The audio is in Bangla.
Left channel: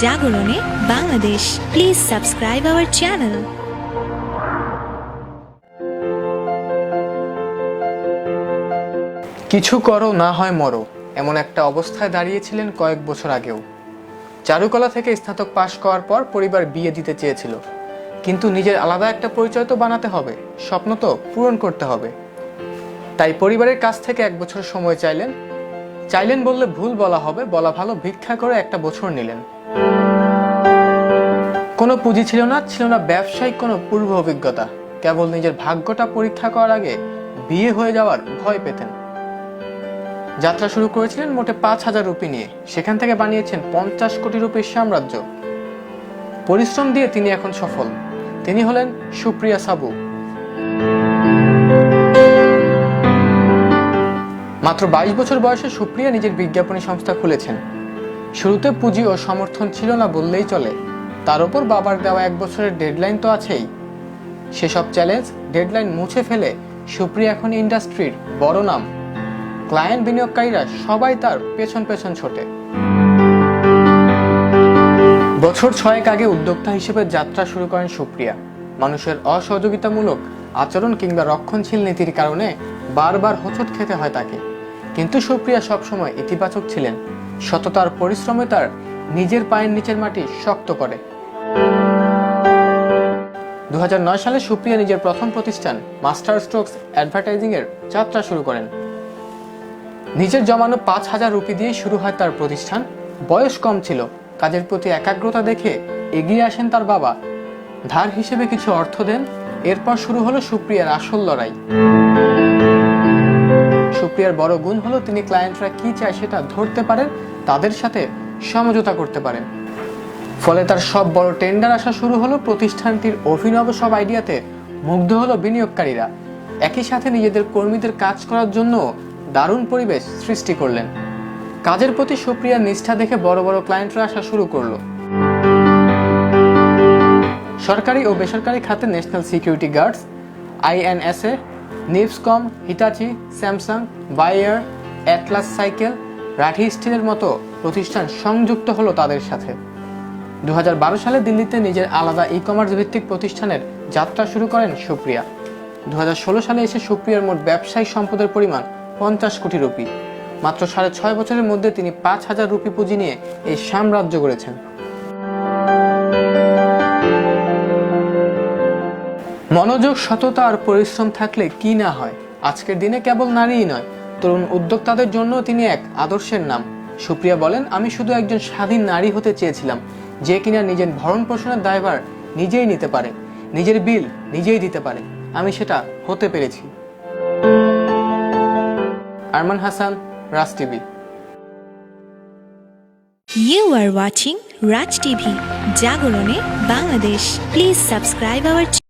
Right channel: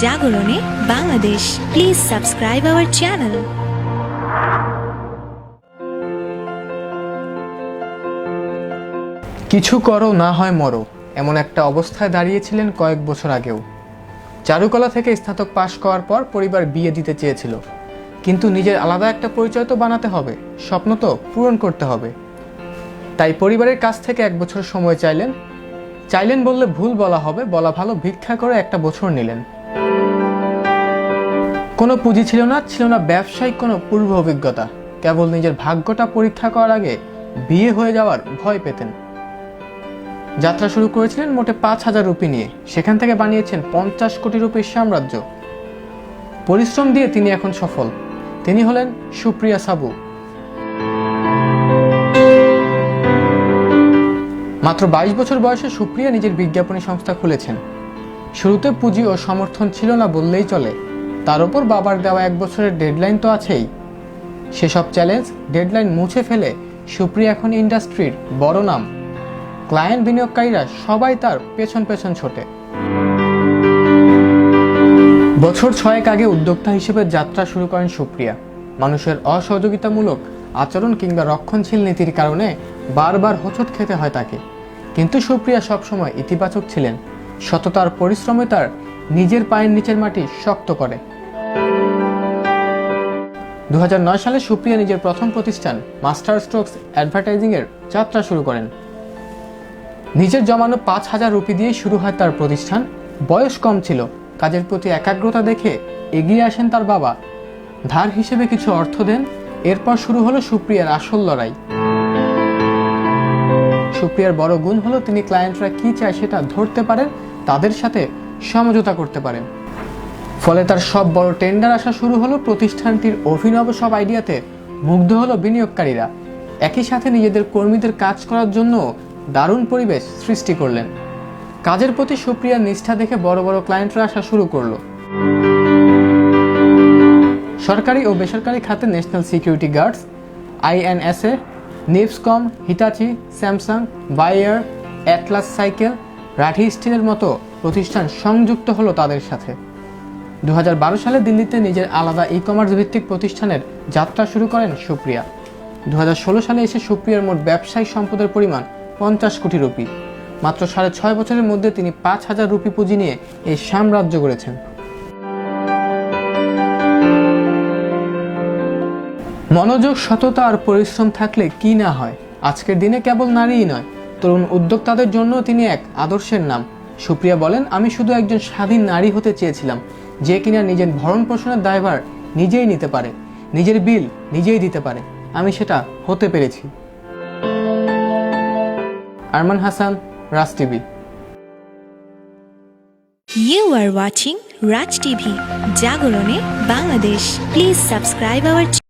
জাগরণে Bangladesh. Please subscribe our channel. কিছু করো না হয় মরো, এমন একটা অবস্থায় দাঁড়িয়েছিলেন কয়েক বছর আগেও। চারুকলা থেকে স্নাতক পাশ করার পর পরিবার বিয়ে দিতে চেয়েছিল, কিন্তু নিজের আলাদা একটা পরিচয় তো বানাতে হবে, স্বপ্ন তো পূরণ করতে হবে। তাই পরিবারের কাছ থেকে 1 বছর সময় চাইলেন বললে ভুল বলা হবে, বলা ভালো, ভিক্ষা করে 1টা বছর নিলেন। কোনো পুঁজি ছিল না ব্যবসায়িক কোনো পূর্ব অভিজ্ঞতা। কেবল নিজের ভাগ্যটা পরীক্ষা করার আগে বিয়ে হয়ে যাওয়ার ভয় পেতেন। যাত্রা শুরু করেছিলেন মোটে 5,000 রুপি নিয়ে, সেখান থেকে বানিয়েছেন 50 কোটি রুপির সাম্রাজ্য। পরিশ্রম দিয়ে তিনি এখন সফল। তিনি হলেন সুপ্রিয়া সাবু। মাত্র 22 বছর বয়সে সুপ্রিয়া নিজের বিজ্ঞাপনী সংস্থা খুলেছেন। শুরুতে পুঁজি ও সমর্থন ছিল না বললেই চলে, তার উপর বাবার দেওয়া 1 বছরের ডেডলাইন তো আছেই। সেসব চ্যালেঞ্জ ডেডলাইন মুছে ফেলে সুপ্রিয়া এখন ইন্ডাস্ট্রির বড় নাম। ক্লায়েন্ট, বিনিয়োগকারীরা সবাই তার পেছন পেছন ছোটে। বছর 6 আগে উদ্যোক্তা হিসেবে যাত্রা শুরু করেন সুপ্রিয়া। মানুষের অসহযোগিতামূলক আচরণ কিংবা রক্ষণশীল নীতির কারণে বারবার হোঁচট খেতে হয় তাকে, কিন্তু সুপ্রিয়া সবসময় ইতিবাচক ছিলেন। সততার পরিশ্রমে তার নিজের পায়ের নিচের মাটি শক্ত করে। 2009 সালে সুপ্রিয়া নিজের প্রথম প্রতিষ্ঠান মাস্টার স্ট্রোকস অ্যাডভার্টাইজিং এর যাত্রা শুরু করেন। নিজের জমানো 5,000 রুপি দিয়ে শুরু হয় তার প্রতিষ্ঠান। বয়স কম ছিল, কাজের প্রতি একাগ্রতা দেখে এগিয়ে আসেন তার বাবা, ধার হিসেবে কিছু অর্থ দেন। এরপর শুরু হলো সুপ্রিয়ার আসল লড়াই। সুপ্রিয়ার বড় গুণ হলো তিনি ক্লায়েন্টরা কি চায় সেটা ধরতে পারেন, তাদের সাথে সমঝোতা করতে পারেন। ফলে তার সব বড় টেন্ডার আসা শুরু হলো। প্রতিষ্ঠানটির অভিনব সব আইডিয়াতে মুগ্ধ হলো বিনিয়োগকারীরা। একই সাথে নিজেদের কর্মীদের কাজ করার জন্য দারুণ পরিবেশ সৃষ্টি করলেন। কাজের প্রতি সুপ্রিয়ার নিষ্ঠা দেখে বড় বড় ক্লায়েন্টরা আসা শুরু করলো। সরকারি ও বেসরকারি খাতে ন্যাশনাল সিকিউরিটি গার্ডস, INSA, নিপসকম, Hitachi, Samsung, Bayer, Atlas cycle, Rathi স্টিলের মতো প্রতিষ্ঠান সংযুক্ত হলো তাদের সাথে। 2012 সালে দিল্লিতে নিজের আলাদা ই-কমার্স ভিত্তিক প্রতিষ্ঠানের যাত্রা শুরু করেন সুপ্রিয়া। 2016 সালে এসে সুপ্রিয়ার মোট ব্যবসায়িক সম্পদের পরিমাণ 50 কোটি রুপি। মাত্র 6.5 বছরের মধ্যে তিনি 5,000 রুপি পুঁজি নিয়ে এই সাম্রাজ্য গড়েছেন। মনোযোগ, সততা আর পরিশ্রম থাকলে কি না হয়। আজকের দিনে কেবল নারীই নয়, তরুণ উদ্যোক্তাদের জন্য তিনি এক আদর্শের নাম। সুপ্রিয়া বলেন, আমি শুধু একজন স্বাধীন নারী হতে চেয়েছিলাম, যে কিনা নিজের ভরণ পোষণের দায়ভার নিজেই নিতে পারে, নিজের বিল নিজেই দিতে পারে। আমি সেটা হতে পেরেছি। আরমান হাসান, রাজ TV. You are watching Raj TV, জাগরণে Bangladesh. Please subscribe our channel.